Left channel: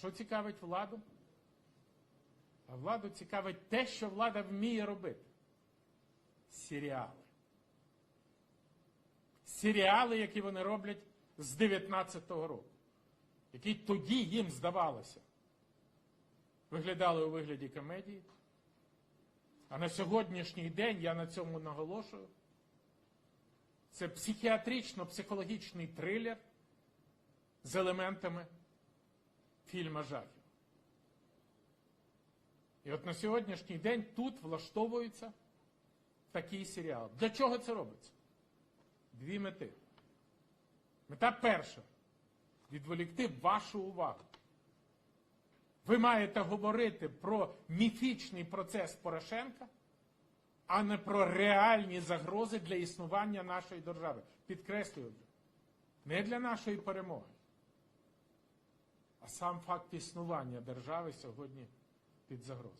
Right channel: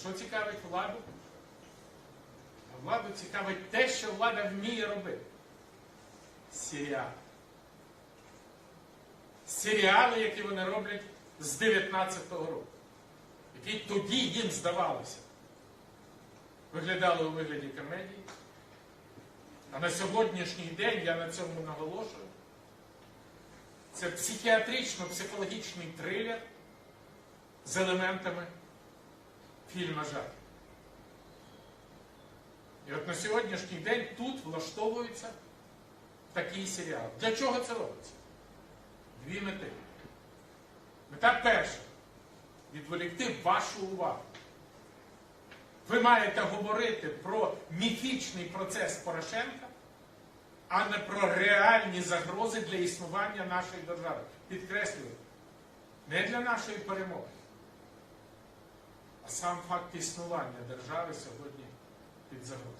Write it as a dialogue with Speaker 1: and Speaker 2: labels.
Speaker 1: що цікавить владу? Владу цікавить те, що влада вміє робити. Серіали. Серіали, які вони роблять з 19-го року. Які тоді їм здавалося. Виглядали у вигляді комедії. А на сьогоднішній день я на цьому наголошую. Це психіатрично-психологічний трилер з елементами фільма жахів. І от на сьогоднішній день тут влаштовується такий серіал. Для чого це робиться? Дві мети. Мета перша відволікти вашу увагу. Ви маєте говорити про міфічний процес Порошенка, а не про реальні загрози для існування нашої держави. Підкреслюю, не для нашої перемоги, сам факт існування держави сьогодні під загрозою.